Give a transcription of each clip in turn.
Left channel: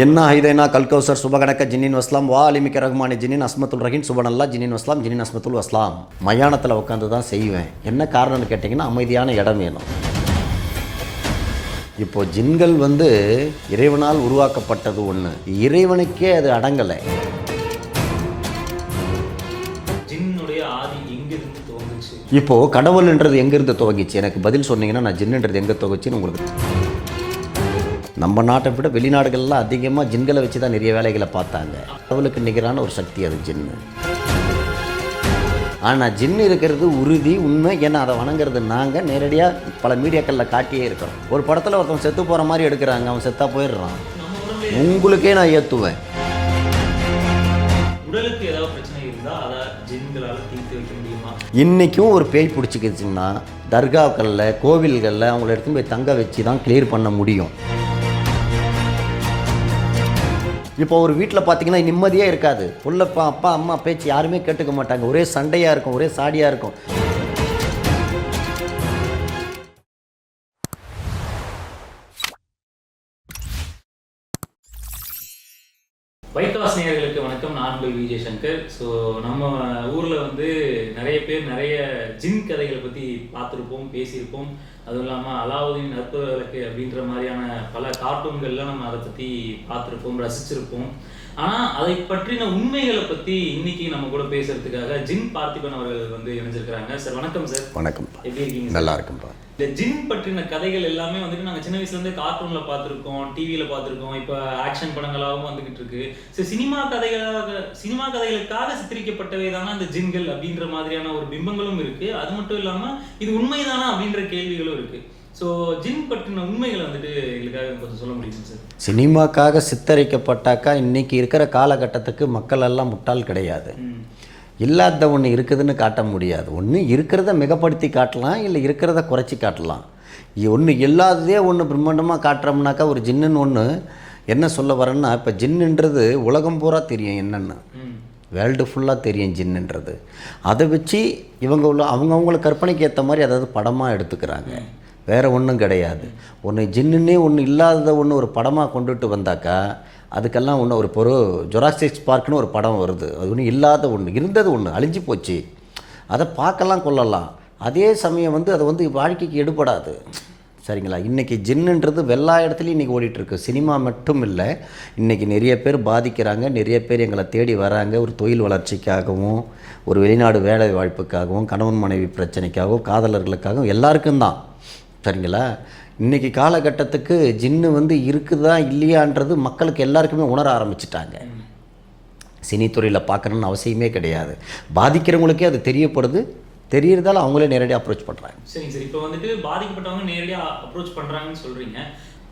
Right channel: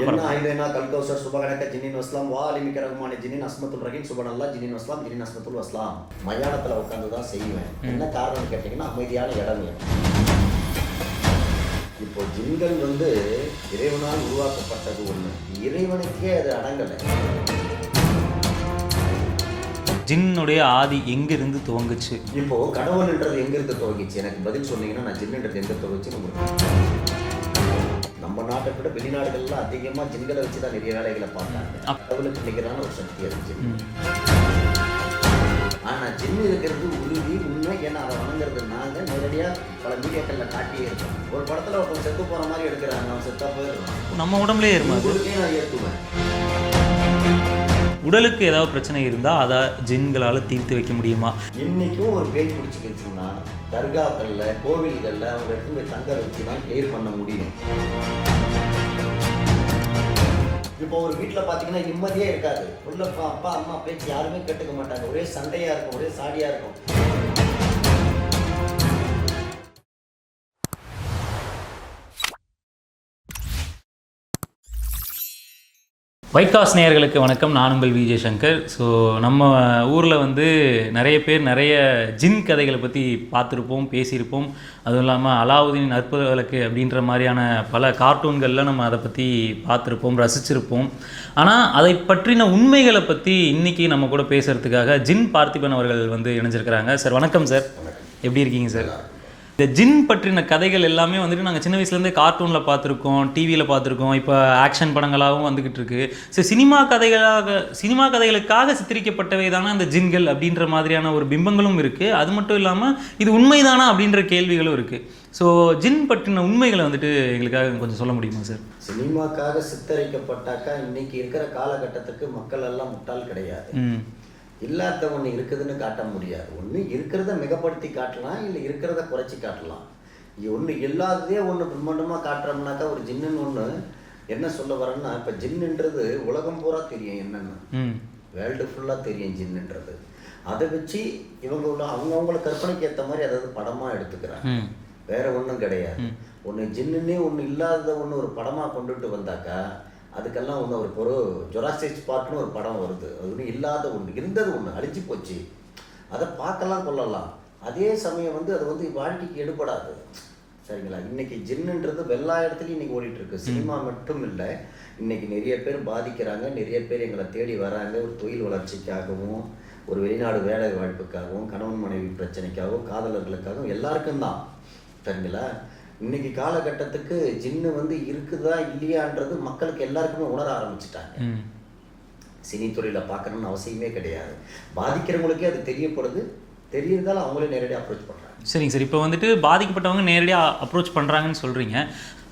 என்ன ஐதைனா கல்கௌசர் சுபகணக்க ஜின்னின் வஸ்லாம் வா அலிமிக்க ரஹ்மானி ஜின்னின் அஸ்மத்துல் ரஹீன் சுபனல்லா ஜின்னின் வஸ்லாம் ஜின்னின் அஸ்மத்துல் வஸ்லாம். மயானத்தில் உட்காந்து தான் செய்வேன். என்ன காரணம்னு கேட்டிங்கன்னா அமைதியான இடம் வேணும். இப்போ ஜின்கள் வந்து இறைவனால் உருவாக்கப்பட்டது ஒன்று இறைவனுக்கே அது அடங்கலை. ஜின்னுடைய ஆதி எங்கிருந்து துவங்குச்சு? இப்போ கடவுள்ன்றது எங்கிருந்து துவங்கிச்சு? எனக்கு பதில் சொன்னீங்கன்னா நான் ஜின்னுன்றது எங்கே துவங்கிச்சுன்னு உங்களுக்கு நம்ம நாட்டை விட வெளிநாடுகள்லாம் அதிகமாக ஜின்களை வச்சு தான் நிறைய வேலைகளை பார்த்தாங்க. கடவுளுக்கு நிகரான ஒரு சக்தி அது ஜின்னு ஆனால் ஜின்னு இருக்கிறது உறுதி உண்மை. ஏன்னா அதை வணங்குறது நாங்கள் நேரடியாக பல மீடியாக்களில் காட்டியே இருக்கிறோம். ஒரு படத்தில் ஒருத்தன் செத்து போகிற மாதிரி எடுக்கிறாங்க. அவன் செத்தா போயிடுறான். நம்ம உடம்புலயே இருக்கு. உங்களுக்கே நான் ஏற்றுவேன் உடலுக்கு ஏதாவது பிரச்சனை இருந்தா அதை ஜின்களால தீர்த்து வைக்க முடியுமா? இன்றைக்கும் ஒரு பேய் பிடிச்சிக்கிச்சிங்கன்னா தர்காக்களில் கோவில்களில் அவங்கள எடுத்து போய் தங்க வச்சு தான் கிளியர் பண்ண முடியும். இப்போ ஒரு வீட்டில் பார்த்தீங்கன்னா நிம்மதியே இருக்காது. உள்ளப்பா அப்பா அம்மா பேச்சு யாருமே கேட்டுக்க மாட்டாங்க. ஒரே சண்டையாக இருக்கும் ஒரே சாடியாக இருக்கும். வைகாஸ் நேயர்களுக்கு வணக்கம். நான் உங்கள் விஜய் சங்கர். ஸோ நம்ம ஊரில் வந்து நிறைய பேர் நிறைய ஜின் கதைகளை பற்றி பார்த்துருப்போம் பேசியிருப்போம். அதுவும் இல்லாமல் அலாவுதீன் அற்புத விளக்கு அப்படின்ற மாதிரியான பல கார்ட்டூன்களில் நம்ம அதை பற்றி பார்த்துருப்போம் ரசிச்சிருப்போம். ஆனால் அதை பற்றின உண்மைகளை பற்றி இன்னைக்கு நம்ம கூட பேசுறதுக்காக ஜின் பார்த்திபன் அவர்கள் வந்து இணைஞ்சிருக்கிறாங்க. சார் வணக்கம் சார். வணக்கம். எப்படி இருக்கீங்க சார்? நல்லா இருக்கும்பா இந்த ஜின் பற்றின கதைகள் எல்லாமே வந்துட்டு நாங்கள் சின்ன வயசுலேருந்தே கார்ட்டூனில் பார்த்துருக்கோம் டிவியில் பார்த்துருக்கோம். இப்போ ஆக்ஷன் படங்களாகவும் வந்துக்கிட்டு இருக்கு சரி சினிமா கதைகளாக சினிமா கதைகளுக்காக சித்தரிக்கப்பட்டவை தானே அந்த ஜின்கள் அப்படின்ற மாதிரியான ஒரு பிம்பங்களும் இருக்குது அது மட்டும் இல்லாமல் இது உண்மைதானா அப்படின்ற கேள்விகளும் இருக்குது ஸோ ஜின் பற்றின உண்மைகளை வந்துட்டு எங்களுக்காக கொஞ்சம் சொல்ல முடியுமா சார் சினிமாக்காக சித்தரிக்கப்பட்டாக்கா இன்னைக்கு இருக்கிற காலகட்டத்துக்கு மக்கள் எல்லாம் முட்டாள் கிடையாது. இல்லாத ஒன்று இருக்குதுன்னு காட்ட முடியாது. ஒன்று இருக்கிறத மிகப்படுத்தி காட்டலாம் இல்லை இருக்கிறத குறைச்சி காட்டலாம். ஒன்று இல்லாததே ஒன்று பிரம்மாண்டமாக காட்டுறோம்னாக்கா ஒரு ஜின்னுன்னு ஒன்று என்ன சொல்ல வரேன்னா இப்போ ஜின்னுன்றது உலகம் பூரா தெரியும் என்னென்னு. வேர்ல்டு ஃபுல்லாக தெரியும் ஜின்னுன்றது. அதை வச்சு இவங்க உள்ள அவங்கவுங்கள கற்பனைக்கு ஏற்ற மாதிரி அதாவது படமாக எடுத்துக்கிறாங்க. வேற ஒன்றும் கிடையாது. ஒன்று ஜின்னுன்னே ஒன்று இல்லாததை ஒன்று ஒரு படமாக கொண்டுட்டு வந்தாக்கா அதுக்கெல்லாம் ஒன்று ஒரு பொரு ஜொராஸ்டிக்ஸ் பார்க்னு ஒரு படம் வருது. அது ஒன்றும் இல்லாத ஒன்று இருந்தது ஒன்று அழிஞ்சு போச்சு. அதை பார்க்கலாம் கொள்ளலாம் அதே சமயம் வந்து அது வந்து வாழ்க்கைக்கு எடுபடாது. சரிங்களா? இன்றைக்கி ஜின்னுன்றது எல்லா இடத்துலையும் இன்றைக்கி ஓடிட்டுருக்கு. சினிமா மட்டும் இல்லை இன்றைக்கி நிறைய பேர் பாதிக்கிறாங்க. நிறைய பேர் எங்களை தேடி வராங்க. ஒரு தொழில் வளர்ச்சிக்காகவும் ஒரு வெளிநாடு வேலை வாய்ப்புக்காகவும் கணவன் மனைவி பிரச்சனைக்காகவும் காதலர்களுக்காகவும் எல்லாருக்கும் தான். சரிங்களா? இன்றைக்கி காலகட்டத்துக்கு ஜின்னு வந்து இருக்குதா இல்லையான்றது மக்களுக்கு எல்லாருக்குமே உணர ஆரம்பிச்சிட்டாங்க. சினித்துறையில் பார்க்கணுன்னு அவசியமே கிடையாது. பாதிக்கிறவங்களுக்கே அது தெரியப்படுது. தெரியறதால அவங்களே நேரடியாக அப்ரோச் பண்ணுறாங்க சரிங்க சார். இப்போ வந்துட்டு பாதிக்கப்பட்டவங்க நேரடியாக அப்ரோச் பண்ணுறாங்கன்னு சொல்கிறீங்க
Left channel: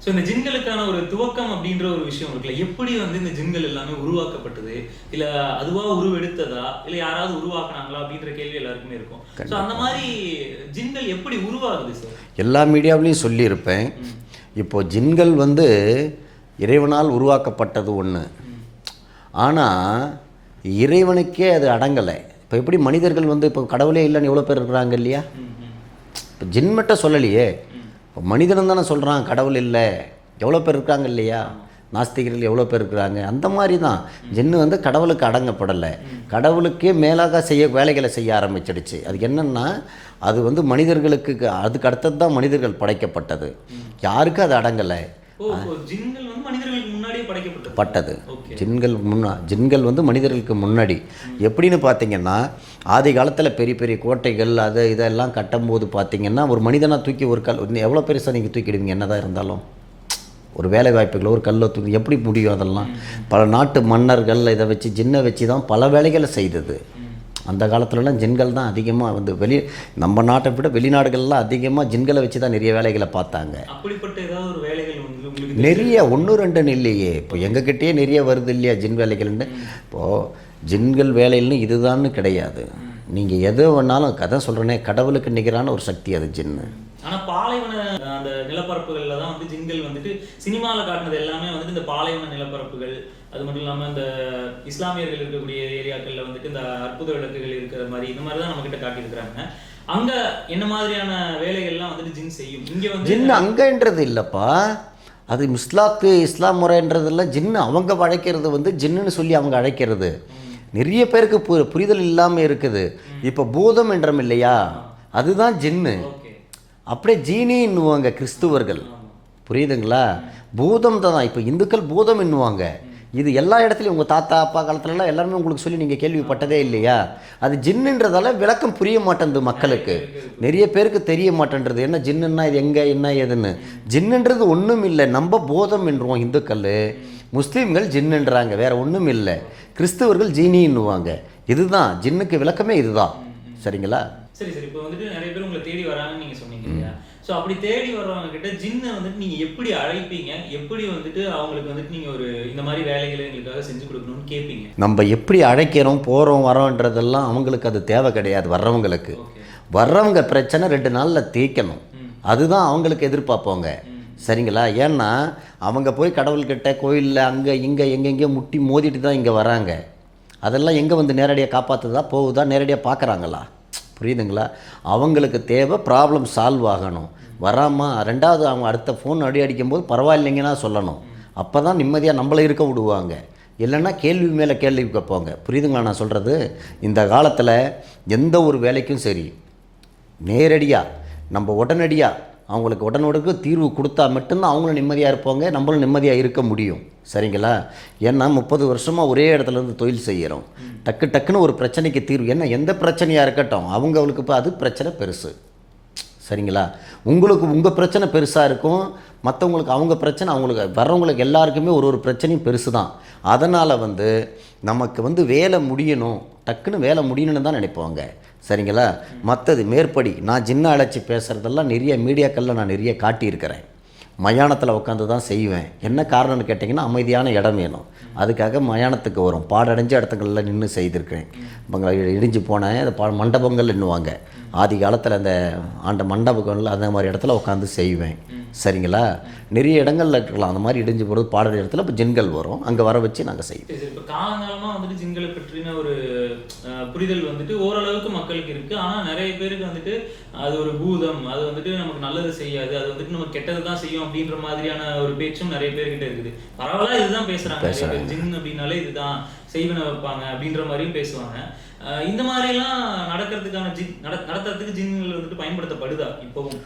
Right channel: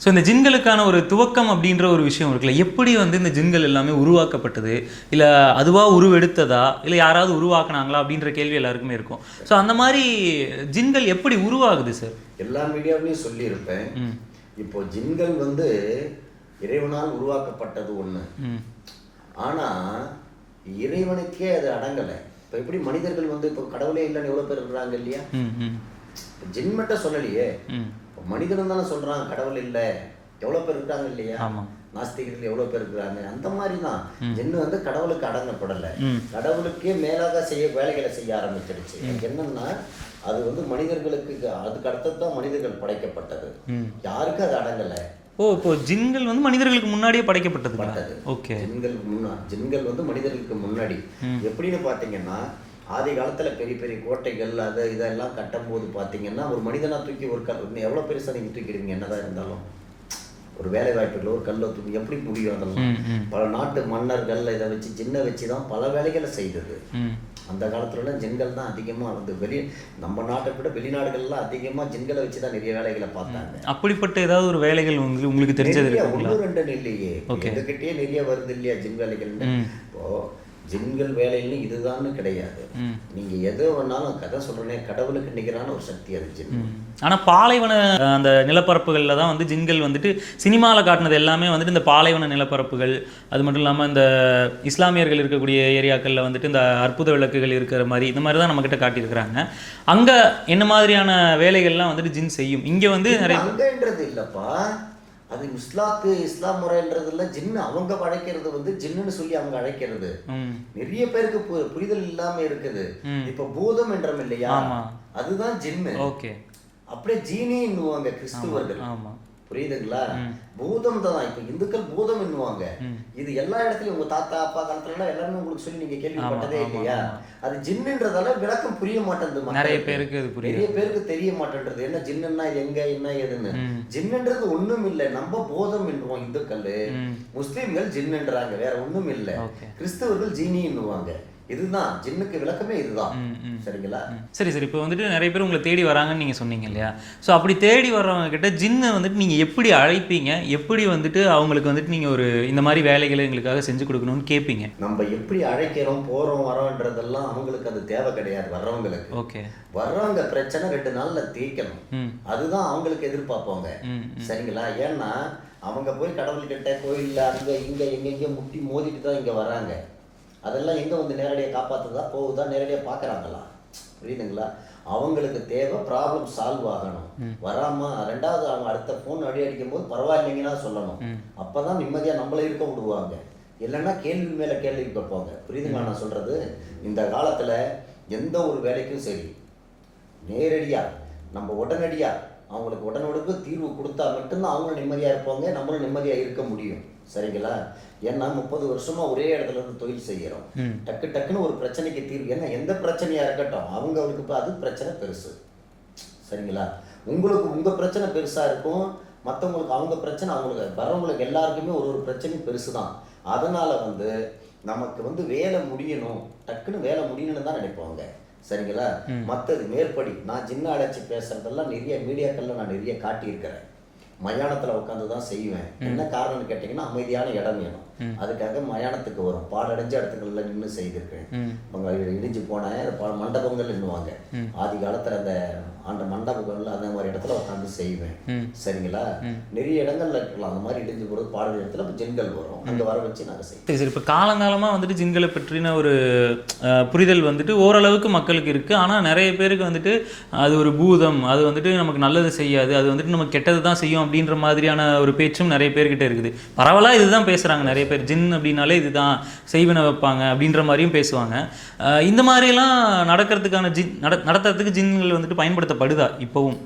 ஸோ இந்த ஜின்களுக்கான ஒரு துவக்கம் அப்படின்ற ஒரு விஷயம் இருக்குல்ல. எப்படி வந்து இந்த ஜின்கள் எல்லாமே உருவாக்கப்பட்டது? இல்லை அதுவாக உருவெடுத்ததா? இல்லை யாராவது உருவாக்குனாங்களா? அப்படின்ற கேள்வி எல்லாருக்குமே இருக்கும். ஸோ அந்த மாதிரி ஜின்கள் எப்படி உருவாகுது சார் எல்லா மீடியாவிலையும் சொல்லியிருப்பேன். இப்போ ஜின்கள் வந்து இறைவனால் உருவாக்கப்பட்டது ஒன்று ஆனால் இறைவனுக்கே அது அடங்கலை. இப்போ எப்படி மனிதர்கள் வந்து இப்போ கடவுளே இல்லைன்னு எவ்வளோ பேர் இருக்கிறாங்க இல்லையா? இப்போ ஜின் மட்டும் சொல்லலையே. இப்போ மனிதனும் தானே சொல்கிறான் கடவுள் இல்லை. எவ்வளோ பேர் இருக்காங்க இல்லையா. நாஸ்திகர்கள் எவ்வளோ பேர் இருக்கிறாங்க? அந்த மாதிரி தான். ஜின்னு வந்து கடவுளுக்கு அடங்கப்படலை. கடவுளுக்கே மேலாக செய்ய வேலைகளை செய்ய ஆரம்பிச்சிடுச்சு. அதுக்கு என்னன்னா அது வந்து மனிதர்களுக்கு அதுக்கு அடுத்தது தான் மனிதர்கள் படைக்கப்பட்டது. யாருக்கும் அது அடங்கலை. ஓ ஜின்கள் வந்து மனிதர்களுக்கு முன்னாடியே படைக்கப்பட்டது. பட்டது. ஓகே. ஜின்கள் முன்னா ஜின்கள் வந்து மனிதர்களுக்கு முன்னாடி. எப்படின்னு பார்த்தீங்கன்னா ஆதி காலத்தில் பெரிய பெரிய கோட்டைகள் அது இதெல்லாம் கட்டும்போது பார்த்தீங்கன்னா ஒரு மனிதனா தூக்கி ஒரு கல் எவ்வளோ பெருசாக நீங்கள் தூக்கிடுவீங்க? என்னதான் இருந்தாலும். ஒரு வேலை வாய்ப்புகள் ஒரு கல்லை தூக்கி எப்படி முடியும் அதெல்லாம்? பல நாட்டு மன்னர்கள் இதை வச்சு ஜின்னை வச்சு தான் பல வேலைகளை செய்தது. அந்த காலத்துலலாம் ஜின்கள் தான் அதிகமாக வந்து வெளி நம்ம நாட்டை விட வெளிநாடுகள்லாம் அதிகமாக ஜின்களை வச்சு தான் நிறைய வேலைகளை பார்த்தாங்க. அப்படிப்பட்ட ஏதாவது ஒரு வேலைகள் வந்து உங்களுக்கு நிறைய ஒன்று ரெண்டு இல்லையே. இப்போ எங்ககிட்டயே நிறைய வருது இல்லையா ஜின் வேலைகள்னு? இப்போது ஜின்கள் வேலைன்னு இதுதான்னு கிடையாது. நீங்கள் எது வேணாலும் கதை சொல்கிறேனே கடவுளுக்கு நிகரான ஒரு சக்தி அது ஜின்னு. ஆனா பாலைவன அந்த நிலப்பரப்புகளில் தான் வந்து ஜின்கள் வந்துட்டு சினிமாவில் காட்டினது எல்லாமே வந்துட்டு இந்த பாலைவன நிலப்பரப்புகள் அது மட்டும் இல்லாமல் இந்த இஸ்லாமியர்கள் இருக்கக்கூடிய ஏரியாக்களில் வந்துட்டு இந்த அற்புத விளக்குகள் இருக்கிற மாதிரி இந்த மாதிரி தான் நம்மக்கிட்ட காட்டியிருக்கிறாங்க. அங்க என்ன மாதிரியான வேலைகள்லாம் வந்துட்டு ஜின் செய்யும்? இங்க வந்து அங்கன்றது இல்லைப்பா. அது இஸ்லாத்து இஸ்லாம் முறைன்றதுல ஜின்னு அவங்க அழைக்கிறது வந்து ஜின்னுன்னு சொல்லி அவங்க அழைக்கிறது. நிறைய பேருக்கு பு புரிதல் இல்லாமல் இருக்குது. இப்போ பூதம் என்றம் இல்லையா? அதுதான் ஜின்னு. அப்படியே ஜீனின்னுவாங்க கிறிஸ்துவர்கள். புரியுதுங்களா? பூதம் தான் இப்போ இந்துக்கள் பூதம் என்னுவாங்க இது எல்லா இடத்துலையும் உங்கள் தாத்தா அப்பா காலத்துலலாம் எல்லாருமே உங்களுக்கு சொல்லி நீங்கள் கேள்விப்பட்டதே இல்லையா? அது ஜின்னுன்றதால விளக்கம் புரிய மாட்டேங்குது மக்களுக்கு. நிறைய பேருக்கு தெரிய மாட்டேன்றது. என்ன ஜின்னுன்னா இது எங்க என்ன ஏதுன்னு ஜின்னுன்றது ஒண்ணும் இல்லை. நம்ம போதம் என்றுவோம் இந்துக்கள். முஸ்லீம்கள் ஜின்னுன்றாங்க. வேற ஒண்ணும் இல்லை கிறிஸ்தவர்கள் ஜீனின்னுவாங்க. இதுதான். ஜின்னுக்கு விளக்கமே இதுதான். சரிங்களா? சரி சரி. இப்போ வந்துட்டு நிறைய பேர் உங்களை தேடி வராங்கன்னு நீங்கள் சொன்னீங்க இல்லையா? ஸோ அப்படி தேடி வர்றவங்க கிட்ட ஜின்னை வந்துட்டு நீங்கள் எப்படி அழைப்பீங்க? எப்படி வந்துட்டு அவங்களுக்கு வந்துட்டு நீங்கள் ஒரு இந்த மாதிரி வேலைகளை எங்களுக்காக செஞ்சு கொடுக்கணும்னு கேட்பீங்க? நம்ம எப்படி அழைக்கிறோம் போறோம் வரோன்றதெல்லாம் அவங்களுக்கு அது தேவை கிடையாது வர்றவங்களுக்கு. ஓகே. வர்றவங்க பிரச்சனை ரெண்டு நாள்ல தீர்க்கணும். அதுதான் அவங்களுக்கு எதிர்பார்ப்போங்க சரிங்களா? ஏன்னா அவங்க போய் கடவுள்கிட்ட கோயிலில் அங்கே இங்கே எங்கெங்கேயோ முட்டி மோதிட்டு தான் இங்கே வராங்க. அதெல்லாம் எங்கே வந்து நேரடியாக காப்பாற்றுதா போகுதா நேரடியாக பார்க்குறாங்களா புரியுதுங்களா? அவங்களுக்கு தேவை ப்ராப்ளம் சால்வ் ஆகணும். வராமல் ரெண்டாவது அவங்க அடுத்த ஃபோன் அடி அடிக்கும்போது பரவாயில்லைங்கன்னா சொல்லணும். அப்போ தான் நிம்மதியாக நம்மளை இருக்க விடுவாங்க. இல்லைன்னா கேள்வி மேலே கேள்வி கேட்பாங்க புரியுதுங்களா நான் சொல்கிறது இந்த காலத்தில் எந்த ஒரு வேலைக்கும் சரி. நேரடியாக நம்ம உடனடியாக அவங்களுக்கு உடனுடனுக்கு தீர்வு கொடுத்தா மட்டும்தான் அவங்களும் நிம்மதியாக இருப்பாங்க நம்மளும் நிம்மதியாக இருக்க முடியும். சரிங்களா? ஏன்னா முப்பது வருஷமாக ஒரே இடத்துல இருந்து தொழில் செய்கிறோம் டக்கு டக்குன்னு ஒரு பிரச்சனைக்கு தீர்வு. என்ன எந்த பிரச்சனையாக இருக்கட்டும் அவங்களுக்கு இப்போ அது பிரச்சனை பெருசு. சரிங்களா? உங்களுக்கு உங்கள் பிரச்சனை பெருசாக இருக்கும். மற்றவங்களுக்கு அவங்க பிரச்சனை அவங்களுக்கு வர்றவங்களுக்கு எல்லாருக்குமே ஒரு ஒரு பிரச்சனையும் பெருசு தான் அதனால் வந்து நமக்கு வந்து வேலை முடியணும். டக்குன்னு வேலை முடியணும்னு தான் நினைப்பாங்க. சரிங்களா? மற்றது மேற்படி நான் சின்ன அழைச்சி பேசுகிறதெல்லாம் நிறைய மீடியாக்களில் நான் நிறைய காட்டியிருக்கிறேன். மயானத்தில் உட்காந்து தான் செய்வேன். என்ன காரணம்னு கேட்டிங்கன்னா அமைதியான இடம் வேணும். அதுக்காக மயானத்துக்கு வரும். பாடடைஞ்ச இடத்துங்களில் நின்று செய்திருக்கேன் இவங்க இடிஞ்சு போனேன். அது பா மண்டபங்கள் என்னுவாங்க ஆதி காலத்தில் அந்த ஆண்ட மண்டபங்கள் அந்த மாதிரி இடத்துல உட்காந்து செய்வேன். சரிங்களா? நிறைய இடங்கள்ல இருக்கலாம். அந்த மாதிரி இடிஞ்சு போகிறது பாடுற இடத்துல இப்போ ஜின்கள் வரும். அங்கே வர வச்சு நாங்கள் செய்வோம். சரி இப்போ காலங்காலமாக வந்துட்டு ஜின்களை பற்றின ஒரு புரிதல் வந்துட்டு ஓரளவுக்கு மக்களுக்கு இருக்குது ஆனால் நிறைய பேருக்கு வந்துட்டு அது ஒரு பூதம். அது வந்துட்டு நமக்கு நல்லது செய்யாது. அது வந்துட்டு நமக்கு கெட்டது தான் செய்யும் அப்படின்ற மாதிரியான ஒரு பேச்சும் நிறைய பேர்கிட்ட இருக்குது. பரவலாக இதுதான் பேசுகிறாங்க நிறைய பேர் ஜின் அப்படின்னாலே இதுதான் செய்வினை வைப்பாங்க அப்படின்ற மாதிரியும் பேசுவாங்க. இந்த மாதிரிலாம் நடக்கிறதுக்கான ஜின் நட நடத்துறதுக்கு ஜின்கள் வந்துட்டு பயன்படுத்தப்படுதா இப்போவும்?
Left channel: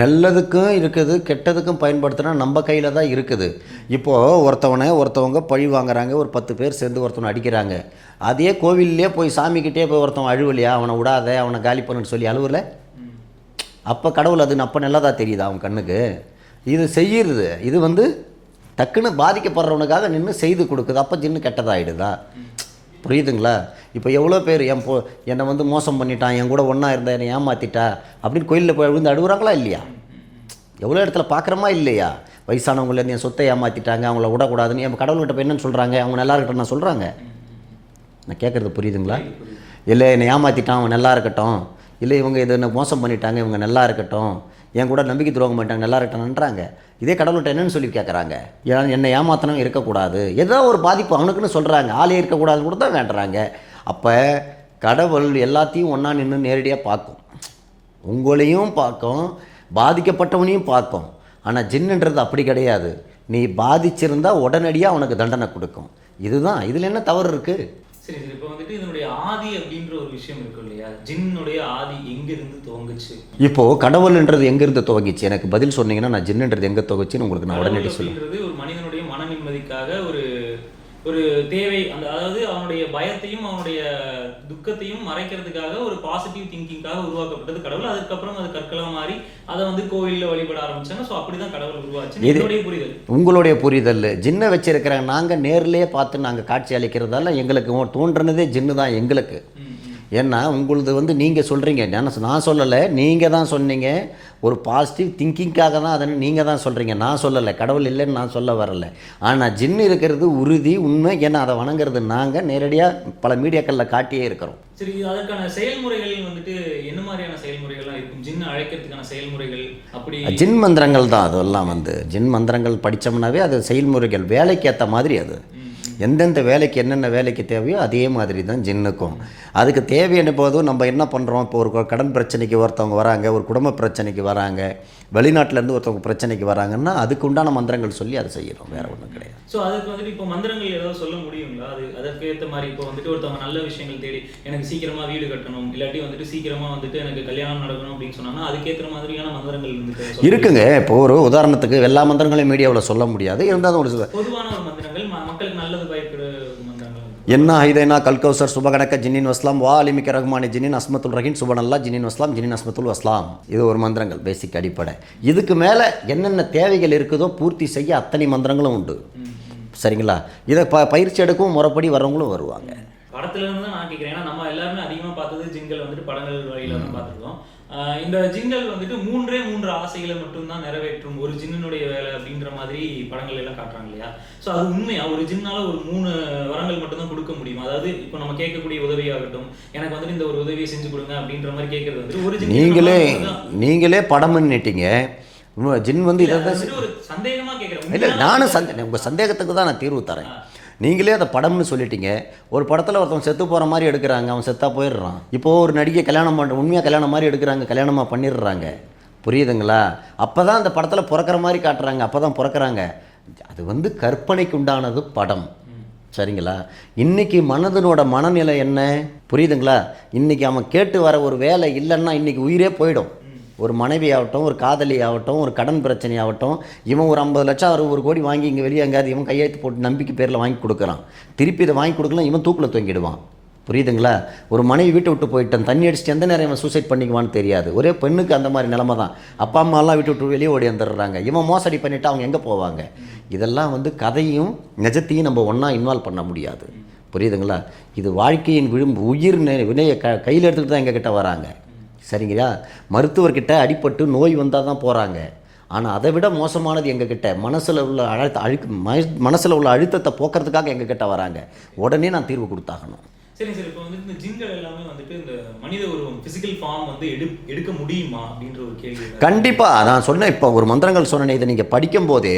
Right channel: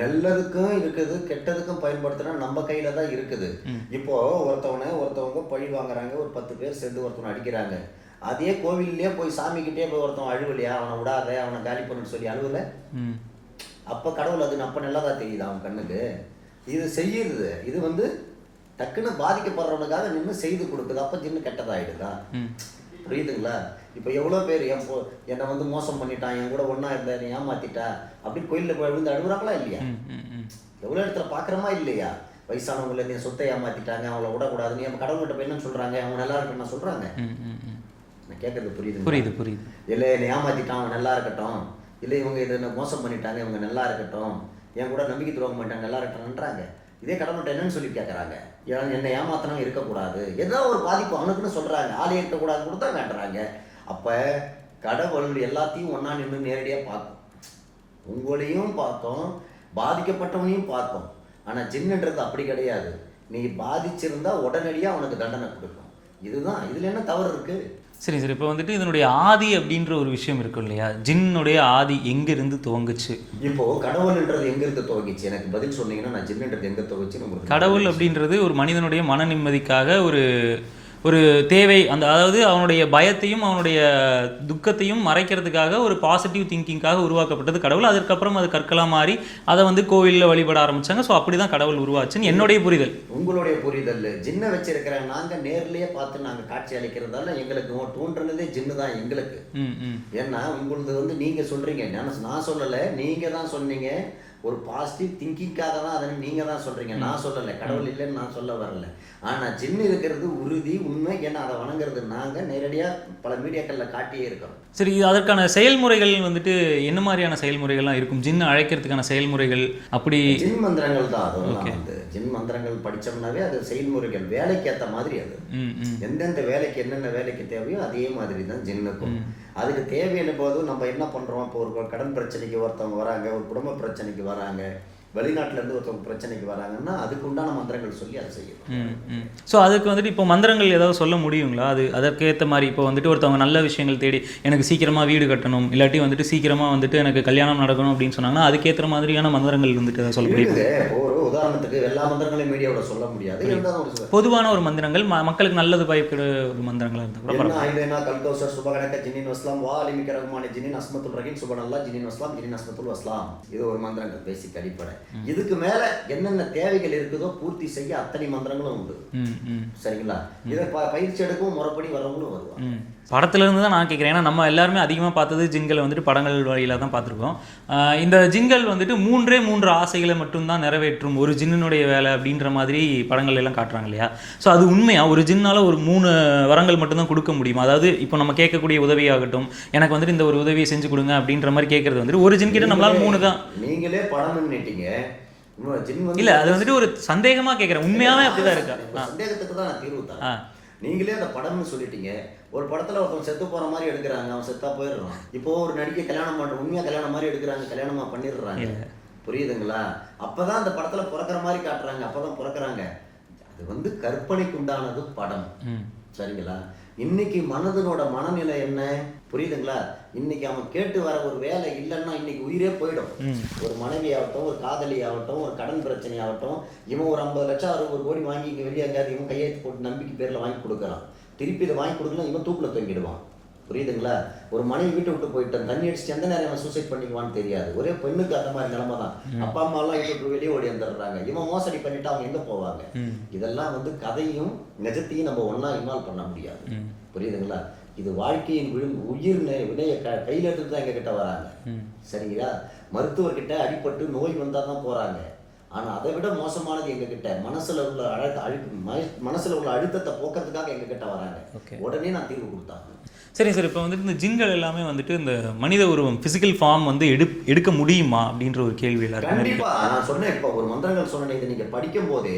நல்லதுக்கும் இருக்குது கெட்டதுக்கும் பயன்படுத்தினா நம்ம கையில் தான் இருக்குது. இப்போது ஒருத்தவனை ஒருத்தவங்க பழி வாங்குறாங்க ஒரு பத்து பேர் சேர்ந்து ஒருத்தவனை அடிக்கிறாங்க. அதே கோவில்லே போய் சாமிக்கிட்டே போய் ஒருத்தவன் அழுவலையா? அவனை விடாத அவனை காலி பண்ணுன்னு சொல்லி அழுவல அப்போ கடவுள் அது அப்போ நல்லதா தெரியுதா அவன் கண்ணுக்கு? இது செய்யுறது. இது வந்து டக்குன்னு பாதிக்கப்படுறவனுக்காக நின்று செய்து கொடுக்குது. அப்போ ஜின்னு கெட்டதாயிடுதா? புரியுதுங்களா? இப்போ எவ்வளோ பேர் என் போ என்னை வந்து மோசம் பண்ணிட்டான் என் கூட ஒன்றா இருந்த என்னை ஏமாத்திட்டா அப்படின்னு கோயிலில் போய் விழுந்து அழுகுறாங்களா இல்லையா? எவ்வளோ இடத்துல பார்க்குறோமா இல்லையா? வயசானவங்கள என் சொத்தை ஏமாத்திட்டாங்க அவங்கள விடக்கூடாதுன்னு என் கடவுள்கிட்ட போய் என்னன்னு சொல்கிறாங்க அவங்க நல்லா இருக்கட்டும் நான் சொல்கிறாங்க. நான் கேட்குறது புரியுதுங்களா? புரியுது புரியுது. இல்லை என்னை ஏமாற்றிட்டான் அவன் நல்லா இருக்கட்டும். இல்லை இவங்க இதை என்ன மோசம் பண்ணிட்டாங்க இவங்க நல்லா இருக்கட்டும். என் கூட நம்பிக்கை துரோகம் பண்ணிட்டாங்க நல்லா இருக்கட்டும்ன்றாங்க இதே கடவுள்கிட்ட என்னன்னு சொல்லி கேட்குறாங்க ஏன்னா என்னை ஏமாத்தனவங்க இருக்கக்கூடாது. எதாவது ஒரு பாதிப்பு அவனுக்குன்னு சொல்கிறாங்க ஆளே இருக்கக்கூடாதுன்னு கூட தான் வேண்டுறாங்க அப்போ கடவுள் எல்லாத்தையும் ஒன்றா நின்று நேரடியாக பார்க்கும். உங்களையும் பார்க்கும் பாதிக்கப்பட்டவனையும் பார்க்கும். ஆனால் ஜின்னுன்றது அப்படி கிடையாது. நீ பாதிச்சிருந்தா உடனடியாக அவனுக்கு தண்டனை கொடுக்கும். இதுதான். இதில் என்ன தவறு இருக்குது சரி சரி. இப்போ வந்துட்டு இதனுடைய ஆதி அப்படின்ற ஒரு விஷயம் இருக்கும் இல்லையா? ஜின்னுடைய ஆதி எங்கிருந்து துவங்குச்சு? இப்போ கடவுள்ன்றது எங்கிருந்து துவங்கிச்சு? எனக்கு பதில் சொன்னீங்கன்னா நான் ஜின்னுன்றது எங்க துவங்கிச்சுன்னு உங்களுக்கு கடவுள் அப்படின்றது ஒரு மனிதனுடைய மன நிம்மதிக்காக ஒரு ஒரு தேவை அந்த அதாவது அவனுடைய பயத்தையும் அவனுடைய துக்கத்தையும் மறைக்கிறதுக்காக ஒரு பாசிட்டிவ் திங்கிங்காக உருவாக்கப்பட்டது கடவுள். அதுக்கப்புறம் அது கற்களா மாறி அதை வந்து கோவிலில் வழிபட ஆரம்பிச்சாங்க. ஸோ அப்படிதான் கடவுள் உருவாச்சுன்னு என்னுடைய புரிதல். உங்களுடைய புரிதல். ஜின்னை வச்சிருக்கிற நாங்கள் நேர்லயே பார்த்து நாங்கள் காட்சி அளிக்கிறதால எங்களுக்கு தோன்றுனதே ஜின்னு தான் எங்களுக்கு. ஏன்னா உங்களுது வந்து நீங்கள் சொல்கிறீங்க நான் நான் சொல்லலை. நீங்கள் தான் சொன்னீங்க. ஒரு பாசிட்டிவ் திங்கிங்காக தான் அதை நீங்கள் தான் சொல்கிறீங்க நான் சொல்லலை. கடவுள் இல்லைன்னு நான் சொல்ல வரல. ஆனால் ஜின்னு இருக்கிறது உறுதி உண்மை ஏன்னா அதை வணங்குறது நாங்கள் நேரடியாக பல மீடியாக்களில் காட்டியே இருக்கிறோம். சரி அதற்கான செயல்முறைகள் வந்துட்டு என்ன மாதிரியான செயல்முறைகள்லாம் இருக்கும்? ஜின்னை அழைக்கிறதுக்கான செயல்முறைகள் அப்படி ஜின் மந்திரங்கள் தான் அதெல்லாம் வந்து. ஜின் மந்திரங்கள் படித்தோம்னாவே அது செயல்முறைகள். வேலைக்கு ஏற்ற மாதிரி அது. எந்தெந்த வேலைக்கு என்னென்ன வேலைக்கு தேவையோ அதே மாதிரி தான் ஜின்னுக்கும் அதுக்கு தேவையான போதும் நம்ம என்ன பண்ணுறோம் இப்போ ஒரு கடன் பிரச்சனைக்கு ஒருத்தவங்க வராங்க ஒரு குடும்ப பிரச்சனைக்கு வராங்க. வெளிநாட்டுல இருந்து ஒருத்தவங்க பிரச்சனைக்கு வராங்கன்னா அதுக்கு உண்டான மந்திரங்கள் சொல்லி அதை செய்யணும். வேற ஒன்றும் கிடையாது. ஸோ அதுக்கு வந்துட்டு இப்போ மந்திரங்கள் ஏதாவது சொல்ல முடியுங்களா? அது அதற்கேற்ற மாதிரி இப்போ வந்துட்டு ஒருத்தவங்க நல்ல விஷயங்கள் தேடி எனக்கு சீக்கிரமா வீடு கட்டணும் இல்லாட்டி வந்துட்டு சீக்கிரமா வந்துட்டு எனக்கு கல்யாணம் நடக்கணும் அப்படின்னு சொன்னாங்கன்னா அதுக்கேற்ற மாதிரியான மந்திரங்கள் வந்துட்டு? இருக்குங்க. இப்போ ஒரு உதாரணத்துக்கு எல்லா மந்திரங்களையும் மீடியாவில் சொல்ல முடியாது. இருந்தாலும் ஒரு பொதுவான ஒரு மந்திரங்கள் மக்களுக்கு நல்லது ஒரு மந்திரங்களா இருந்தா என்ன ஐதைனா கல்கௌசர் சுபகணக்க ஜின்னின் வஸ்லாம் வா அலிமிக்க ரஹ்மானி ஜின்னின் அஸ்மத்துல் ரஹீம் சுபனல்லா ஜின்னின் வஸ்லாம் ஜின்னின் அஸ்மத்துல் வஸ்லாம். இது ஒரு மந்திரங்கள் பேசிக் அடிப்படை. இதுக்கு மேலே என்னென்ன தேவைகள் இருக்குதோ பூர்த்தி செய்ய அத்தனை மந்திரங்களும் உண்டு. சரிங்களா? இதை ப பயிற்சி எடுக்கவும் முறைப்படி வரவங்களும் வருவாங்க. படத்துல இருந்து தான் நான் கேட்குறேன் ஏன்னா நம்ம எல்லாருமே அதிகமாக பார்த்தது ஜிங்கல் வந்துட்டு படங்கள் வழியில தான் பார்த்துருக்கோம். இந்த ஜிங்கல் வந்துட்டு மூன்றே மூன்று ஆசைகளை மட்டும்தான் நிறைவேற்றும் ஒரு ஜின்னுடைய வேலை அப்படின்ற மாதிரி படங்கள் எல்லாம் காட்டுறாங்க இல்லையா? ஸோ அது உண்மையா? ஒரு ஜின்னால ஒரு மூணு வரங்கள் மட்டும்தான் கொடுக்க முடியுமா? அதாவது இப்போ நம்ம கேட்கக்கூடிய உதவியாகட்டும் எனக்கு வந்துட்டு இந்த ஒரு உதவியை செஞ்சு கொடுங்க அப்படின்ற மாதிரி கேட்கறது வந்துட்டு ஒரு ஜின் மூணு தான். நீங்களே படம்னு நீட்டிங்க ஜின் வந்து ஒரு சந்தேகமா கேட்குறேன் உண்மையான நானும் சந்தேகத்துக்கு தான் நான் தீர்வு தரேன். நீங்களே அந்த படம்னு சொல்லிட்டீங்க. ஒரு படத்தில் ஒருத்தன் செத்து போகிற மாதிரி எடுக்கிறாங்க அவன் செத்தா போயிடுறான். இப்போது ஒரு நடிகை கல்யாணம் பண்ணுற உண்மையாக கல்யாணம் மாதிரி எடுக்கிறாங்க கல்யாணமாக பண்ணிடுறாங்க. புரியுதுங்களா? அப்போ தான் அந்த படத்தில் பிறக்கிற மாதிரி காட்டுறாங்க அப்போ தான் பிறக்கிறாங்க. அது வந்து கற்பனைக்கு உண்டானது படம். சரிங்களா? இன்னைக்கு மனதனோட மனநிலை என்ன? புரியுதுங்களா? இன்னைக்கு அவன் கேட்டு வர ஒரு வேலை இல்லைன்னா இன்னைக்கு உயிரே போயிடும். ஒரு மனைவி ஆகட்டும் ஒரு காதலி ஆகட்டும் ஒரு கடன் பிரச்சனை ஆகட்டும் இவன் ஒரு ஐம்பது லட்சம் அறுபது கோடி வாங்கி இங்கே வெளியே எங்கேயாவது இவன் கையெழுத்து போட்டு நம்பிக்கை பேரில் வாங்கி கொடுக்குறான். திருப்பி இதை வாங்கி கொடுக்கலாம் இவன் தூக்கில் தொங்கிடுவான். புரியுதுங்களா? ஒரு மனைவி வீட்டை விட்டு போயிட்டான் தண்ணி அடிச்சுட்டு எந்த நேரம் இவன் சூசைட் பண்ணிக்குவான்னு தெரியாது. ஒரே பெண்ணுக்கு அந்த மாதிரி நிலமை தான். அப்பா அம்மாலாம் வீட்டு விட்டு வெளியே ஓடி வந்துடுறாங்க. இவன் மோசடி பண்ணிட்டு அவங்க எங்கே போவாங்க? இதெல்லாம் வந்து கதையும் நிஜத்தையும் நம்ம ஒன்றா இன்வால்வ் பண்ண முடியாது. புரியுதுங்களா? இது வாழ்க்கையின் விழும்பு உயிர் வினையை க கையில் எடுத்துகிட்டு தான் எங்ககிட்ட வராங்க. சரிங்களா? மருத்துவர்கிட்ட அடிபட்டு நோய் வந்தால் தான் போகிறாங்க ஆனால் அதை விட மோசமானது எங்ககிட்ட மனசில் உள்ள அழுத்த அழுக்கு மனசில் உள்ள அழுத்தத்தை போக்குறதுக்காக எங்ககிட்ட வராங்க. உடனே நான் தீர்வு கொடுத்தாகணும். சரி சார் இப்போ வந்துட்டு இந்த ஜின்கள் எல்லாமே வந்துட்டு இந்த மனித உருவம் ஃபிசிக்கல் ஃபார்ம் வந்து எடு எடுக்க முடியுமா அப்படின்ற ஒரு கேள்வி எல்லாருக்கும் கண்டிப்பா நான் சொன்னேன் இப்போ ஒரு மந்திரங்கள் சொன்னேன் இதை நீங்க படிக்கும் போதே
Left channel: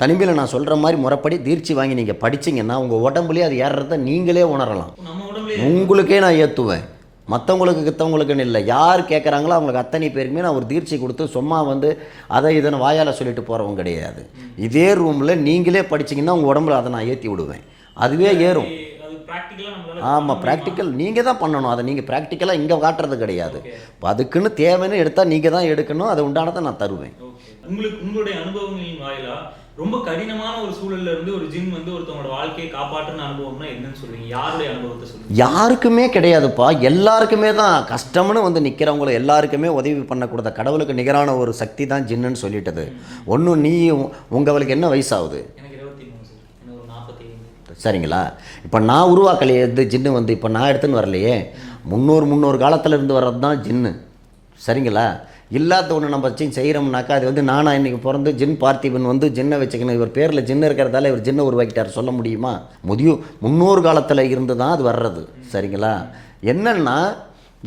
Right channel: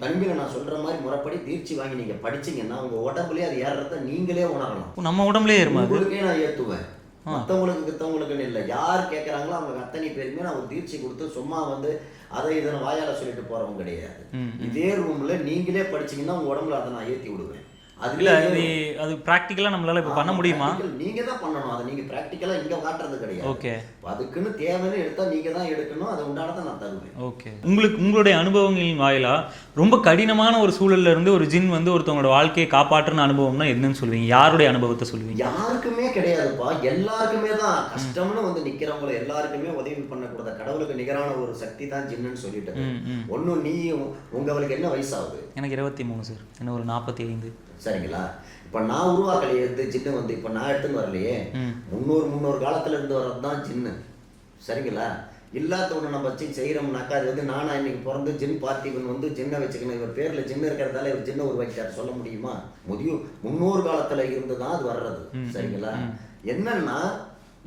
தனிமையில் நான் சொல்ற மாதிரி முறைப்படி தீர்ச்சி வாங்கி நீங்க படிச்சீங்கன்னா உங்க உடம்புலயே அது ஏறுறத நீங்களே உணரலாம். நம்ம உடம்புலயே. உங்களுக்கே நான் ஏத்துவேன். மற்றவங்களுக்கு கித்தவங்களுக்குன்னு இல்லை. யார் கேட்குறாங்களோ அவங்களுக்கு அத்தனை பேருமே நான் ஒரு தீர்ச்சி கொடுத்து சும்மா வந்து அதை இதனை வாயால் சொல்லிட்டு போகிறவங்க கிடையாது. இதே ரூமில் நீங்களே படிச்சீங்கன்னா உங்கள் உடம்புல அதை நான் ஏற்றி விடுவேன். அதுவே ஏறும். அது- அது ப்ராக்டிக்கலா நம்மளால ஆமாம் ப்ராக்டிக்கல் நீங்கள் தான் பண்ணணும். அதை நீங்கள் ப்ராக்டிக்கலாக இங்கே காட்டுறது கிடையாது. அதுக்குன்னு தேவைன்னு எடுத்தால் நீங்கள் தான் எடுக்கணும். அது உண்டானதை நான் தருவேன். ஓகே. உங்களுக்கு உங்களுடைய அனுபவங்களின் வாயிலா ரொம்ப கடினமான ஒரு சூழல்ல இருந்து ஒரு ஜின் வந்து ஒருத்தவங்களோட வாழ்க்கையை காப்பாற்றுன அனுபவம்னா என்னன்னு சொல்லுவீங்க? யாருடைய அனுபவத்தை சொல்லுவீங்க? யாருக்குமே கிடையாதுப்பா. எல்லாருக்குமே தான் கஷ்டம்னு வந்து நிற்கிறவங்கள எல்லாருக்குமே உதவி பண்ணக்கூடாத கடவுளுக்கு நிகரான ஒரு சக்தி தான் ஜின்னுன்னு சொல்லிட்டது. ஒன்றும் நீ உங்களுக்கு என்ன வயசாகுது? எனக்கு இருபத்தி மூணு சார். என்ன ஒரு நாற்பத்தி ஐந்து சரிங்களா? இப்போ நான் உருவாக்கலையே ஜின்னு வந்து இப்போ நான் எடுத்துன்னு வரலையே. முன்னூறு முன்னூறு காலத்துல இருந்து வர்றது தான் ஜின்னு. சரிங்களா? இல்லாத ஒன்று நம்ம வச்சு செய்கிறோம்னாக்கா அது வந்து நானா இன்னைக்கு பிறந்து ஜின் பார்த்திபன் வந்து ஜின்னை வச்சுக்கணும். இவர் பேரில் ஜின்னு இருக்கிறதால இவர் ஜின்னை உருவாக்கிட்டார். சொல்ல முடியுமா? முதிய முன்னூறு காலத்தில் இருந்து தான் அது வர்றது. சரிங்களா? என்னன்னா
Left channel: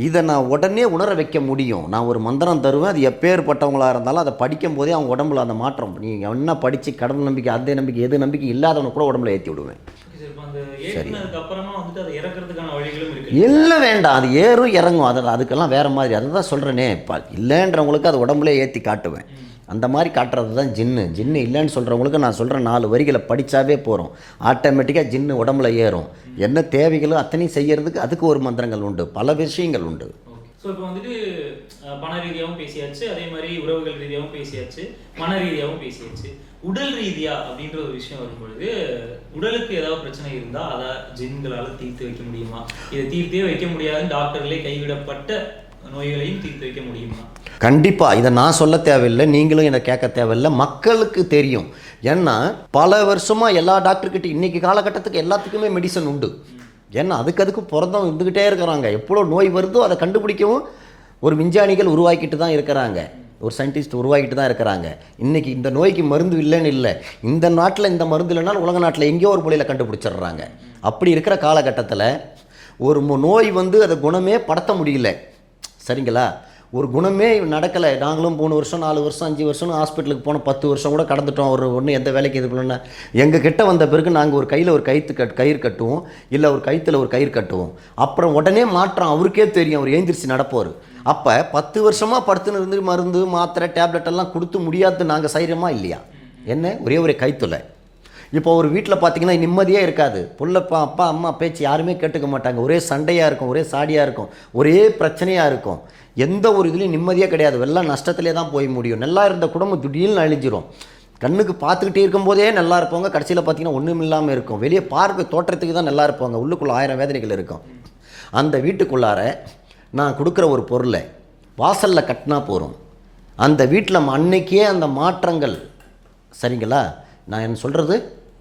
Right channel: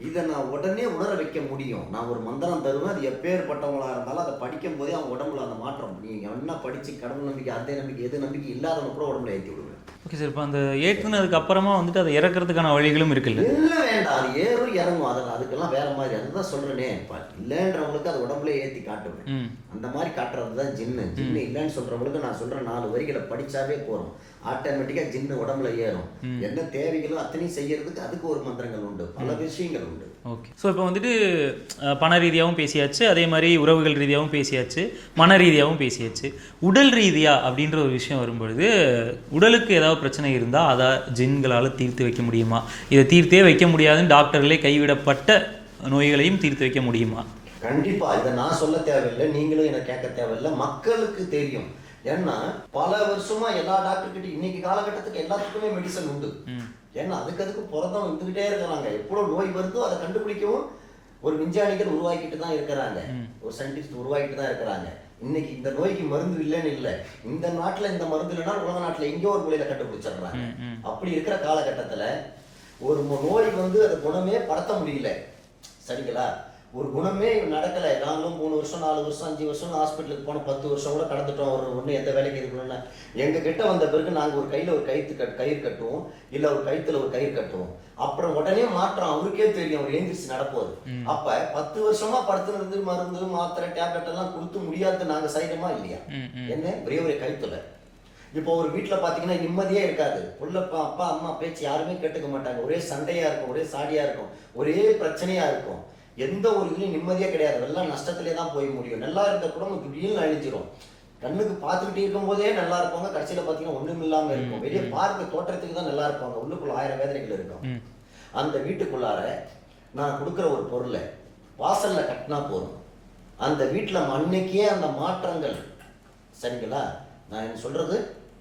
இதை நான் உடனே உணர வைக்க முடியும். நான் ஒரு மந்திரம் தருவேன் அது எப்பேற்பட்டவங்களா இருந்தாலும் அதை படிக்கும் போதே அவங்க உடம்புல அந்த மாற்றம். நீங்கள் என்ன படித்து கடவுள் நம்பிக்கை அந்த நம்பிக்கை எது நம்பிக்கை இல்லாதவனை கூட உடம்புல ஏற்றி விடுவேன். ஓகே சார் இப்போ அந்த ஏற்றுனதுக்கு அப்புறமா வந்துட்டு அதை இறக்குறதுக்கான வழிகளும் இருக்குல்ல இல்லை வேண்டாம். அது ஏறும் இறங்கும். அது அதுக்கெல்லாம் வேற மாதிரி. அதை தான் சொல்கிறேனே இப்போ இல்லைன்றவங்களுக்கு அது உடம்புல ஏற்றி காட்டுவேன். அந்த மாதிரி காட்டுறது தான் ஜின்னு. ஜின்னு இல்லைன்னு சொல்கிறவங்களுக்கு நான் சொல்கிற நாலு வரிகளை படித்தாவே போகிறோம் ஆட்டோமேட்டிக்காக ஜின்னு உடம்புல ஏறும். என்ன தேவைகளோ அத்தனையும் செய்யறதுக்கு அதுக்கு ஒரு மந்திரங்கள் உண்டு. பல விஷயங்கள் உண்டு. ஓகே. ஸோ இப்போ வந்துட்டு பண ரீதியாகவும் பேசியாச்சு அதே மாதிரி உறவுகள் ரீதியாகவும் பேசியாச்சு மன ரீதியாகவும் பேசியாச்சு. உடல் ரீதியா அப்படின்ற ஒரு விஷயம் வரும்பொழுது உடலுக்கு ஏதாவது பிரச்சனை இருந்தால் அதை ஜின்களால் தீர்த்து வைக்க முடியுமா? இதை தீர்த்தே வைக்க முடியாதுன்னு டாக்டர்களே கைவிடப்பட்ட நோய்களையும் தீர்த்து வைக்க முடியுமா? கண்டிப்பாக இதை நான் சொல்ல தேவையில்லை நீங்களும் என்னை கேட்க தேவையில்லை. மக்களுக்கு தெரியும். ஏன்னா பல வருஷமாக எல்லா டாக்டர்கிட்ட இன்னைக்கு காலகட்டத்துக்கு எல்லாத்துக்குமே மெடிசன் உண்டு. ஏன்னா அதுக்கு அதுக்கு பிறந்தவங்க இருந்துக்கிட்டே இருக்கிறாங்க. எவ்வளோ நோய் வருதோ அதை கண்டுபிடிக்கவும் ஒரு விஞ்ஞானிகள் உருவாக்கிட்டு தான் இருக்கிறாங்க. ஒரு சயின்டிஸ்ட் உருவாக்கிட்டு தான் இருக்கிறாங்க. இன்னைக்கு இந்த நோய்க்கு மருந்து இல்லைன்னு இல்லை. இந்த நாட்டில் இந்த மருந்து இல்லைனாலும் உலக நாட்டில் எங்கேயோ ஒரு மொழியில் கண்டுபிடிச்சிடுறாங்க. அப்படி இருக்கிற காலகட்டத்தில் ஒரு மு- நோய் வந்து அதை குணமே படுத்த முடியல. சரிங்களா? ஒரு குணமே நடக்கலை. நாங்களும் மூணு வருஷம் நாலு வருஷம் அஞ்சு வருஷம் ஹாஸ்பிட்டலுக்கு போனோம் பத்து வருஷம் கூட கடந்துட்டோம். ஒரு ஒன்று எந்த வேலைக்கு இது பண்ணல எங்கள் கிட்ட வந்த பிறகு நாங்கள் ஒரு கையில் ஒரு கயிற்று கட் கயிறு கட்டுவோம். இல்லை ஒரு கயித்துல ஒரு கயிறு கட்டுவோம். அப்புறம் உடனே மாற்றம் அவருக்கே தெரியும். அவர் ஏந்திரிச்சு நடப்போர். அப்போ பத்து வருஷமாக படுத்துன்னு இருந்து மருந்து மாத்திரை டேப்லெட் எல்லாம் கொடுத்து முடியாது நாங்கள் செய்கிறோமா இல்லையா? என்ன? ஒரே ஒரு கைத்துல. இப்போ ஒரு வீட்டில் பார்த்தீங்கன்னா நிம்மதியே இருக்காது. புள்ளப்பா அப்பா அம்மா பேச்சு யாருமே கேட்டுக்க மாட்டாங்க. ஒரே சண்டையாக இருக்கும் ஒரே சாடியாக இருக்கும் ஒரே பிரச்சனையாக இருக்கும். எந்த ஒரு இதுலேயும் நிம்மதியே கிடையாது. எல்லாம் நஷ்டத்திலே தான் போய் முடியும். நல்லா இருந்த குடும்பம் திடீர்னு அழிஞ்சிரும். கண்ணுக்கு பார்த்துக்கிட்டே இருக்கும்போதே நல்லா இருப்பாங்க கடைசியில் பார்த்தீங்கன்னா ஒன்றும் இல்லாமல் இருக்கும். வெளியே பார்க்க தோற்றத்துக்கு தான் நல்லா இருப்பாங்க. உள்ளுக்குள்ள ஆயிரம் வேதனைகள் இருக்கும். அந்த வீட்டுக்குள்ளார நான் கொடுக்குற ஒரு பொருளை வாசலில் கட்டினா போகிறோம் அந்த வீட்டில் அன்னைக்கே அந்த மாற்றங்கள். சரிங்களா? நான் என்ன சொல்கிறது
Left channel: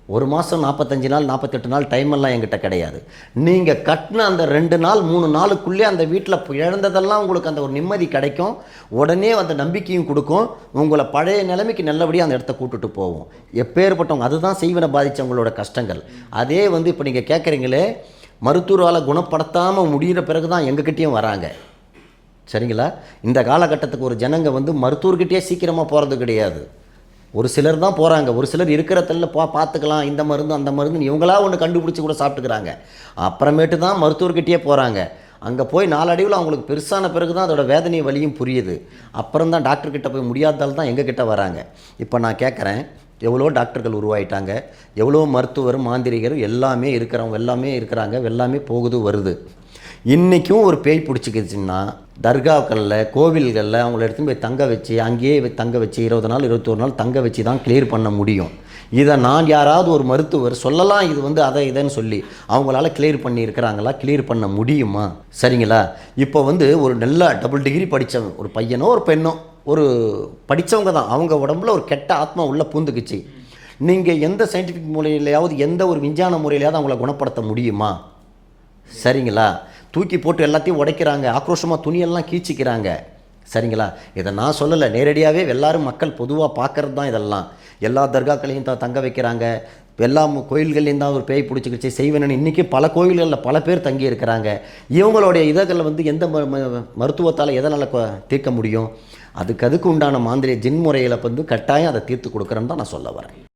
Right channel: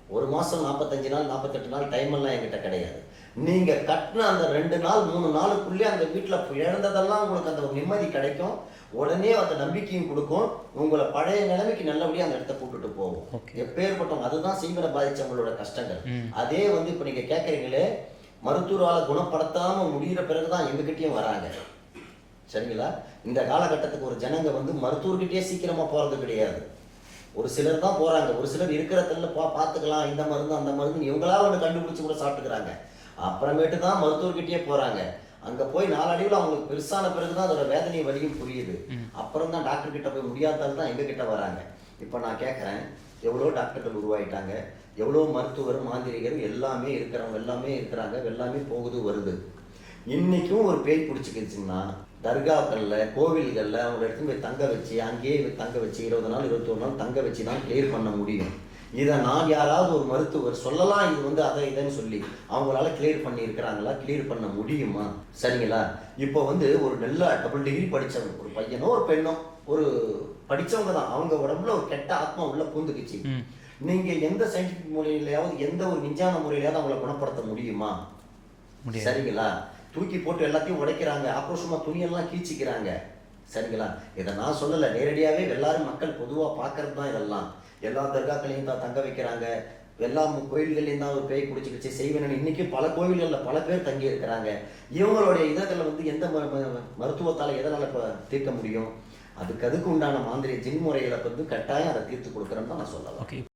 ஒரு மாதம் நாற்பத்தஞ்சு நாள் நாற்பத்தெட்டு நாள் டைம் எல்லாம் என்கிட்ட கிடையாது. நீங்கள் கட்டின அந்த ரெண்டு நாள் மூணு நாளுக்குள்ளே அந்த வீட்டில் இழந்ததெல்லாம் உங்களுக்கு அந்த ஒரு நிம்மதி கிடைக்கும். உடனே அந்த நம்பிக்கையும் கொடுக்கும். உங்களை பழைய நிலைமைக்கு நல்லபடியாக அந்த இடத்த கூட்டுட்டு போவோம். எப்பேற்பட்டவங்க அதுதான் செய்வனை பாதித்தவங்களோட கஷ்டங்கள். அதே வந்து இப்போ நீங்கள் கேட்குறீங்களே மருத்துவரால் குணப்படுத்தாமல் முடிகிற பிறகு தான் எங்ககிட்டயும் வராங்க. சரிங்களா? இந்த காலகட்டத்துக்கு ஒரு ஜனங்க வந்து மருத்துவர்கிட்டயே சீக்கிரமாக போகிறது கிடையாது. ஒரு சிலர் தான் போகிறாங்க ஒரு சிலர் இருக்கிற தள்ள பார்த்துக்கலாம். இந்த மருந்து அந்த மருந்துன்னு இவங்களா ஒன்று கண்டுபிடிச்சி கூட சாப்பிட்டுக்கிறாங்க. அப்புறமேட்டு தான் மருத்துவர்கிட்டயே போகிறாங்க அங்கே போய் நாலடிவில் அவங்களுக்கு பெருசான பிறகு தான் அதோட வேதனை வலியும் புரியுது. அப்புறம் தான் டாக்டர்கிட்ட போய் முடியாதால் தான் எங்ககிட்ட வராங்க. இப்போ நான் கேட்குறேன் எவ்வளோ டாக்டர்கள் உருவாயிட்டாங்க. எவ்வளோ மருத்துவர் மாந்திரிகர் எல்லாமே இருக்கிறவங்க எல்லாமே இருக்கிறாங்க. எல்லாமே போகுது வருது. இன்றைக்கும் ஒரு பேய் பிடிச்சிக்கிச்சுன்னா தர்காக்களில் கோவில்களில் அவங்கள எடுத்துன்னு போய் தங்க வச்சு அங்கேயே தங்க வச்சு இருபது நாள் இருபத்தொரு நாள் தங்க வச்சு தான் கிளியர் பண்ண முடியும். இதை நான் யாராவது ஒரு மருத்துவர் சொல்லலாம் இது வந்து அதை இதைன்னு சொல்லி அவங்களால கிளியர் பண்ணி இருக்கிறாங்களா கிளியர் பண்ண முடியுமா? சரிங்களா? இப்போ வந்து ஒரு நல்ல டபுள் டிகிரி படித்தவங்க ஒரு பையனோ ஒரு பெண்ணோ ஒரு படித்தவங்க தான் அவங்க உடம்புல ஒரு கெட்ட ஆத்மா உள்ள பூந்துக்குச்சு. நீங்கள் எந்த சயின்டிஃபிக் முறையிலையாவது எந்த ஒரு விஞ்ஞான முறையிலையாவது அவங்கள குணப்படுத்த முடியுமா? சரிங்களா? தூக்கி போட்டு எல்லாத்தையும் உடைக்கிறாங்க. ஆக்ரோஷமாக துணியெல்லாம் கீச்சிக்கிறாங்க. சரிங்களா? இதை நான் சொல்லலை. நேரடியாகவே எல்லாரும் மக்கள் பொதுவாக பார்க்கறது தான் இதெல்லாம். எல்லா தர்காக்களையும் தான் தங்க வைக்கிறாங்க. எல்லா கோயில்கள்லேயும் தான் ஒரு பேய் பிடிச்சிக்கிச்சு. செய்வேன்னு இன்றைக்கி பல கோயில்களில் பல பேர் தங்கி இருக்கிறாங்க. இவங்களுடைய இதழ்களை வந்து எந்த ம- ம- மருத்துவத்தால் எதனால் தீர்க்க முடியும்? அதுக்கு அதுக்கு உண்டான மாந்திரிய ஜின் வந்து கட்டாயம் அதை தீர்த்து கொடுக்குறேன்னு தான் நான் சொல்ல வரேன்.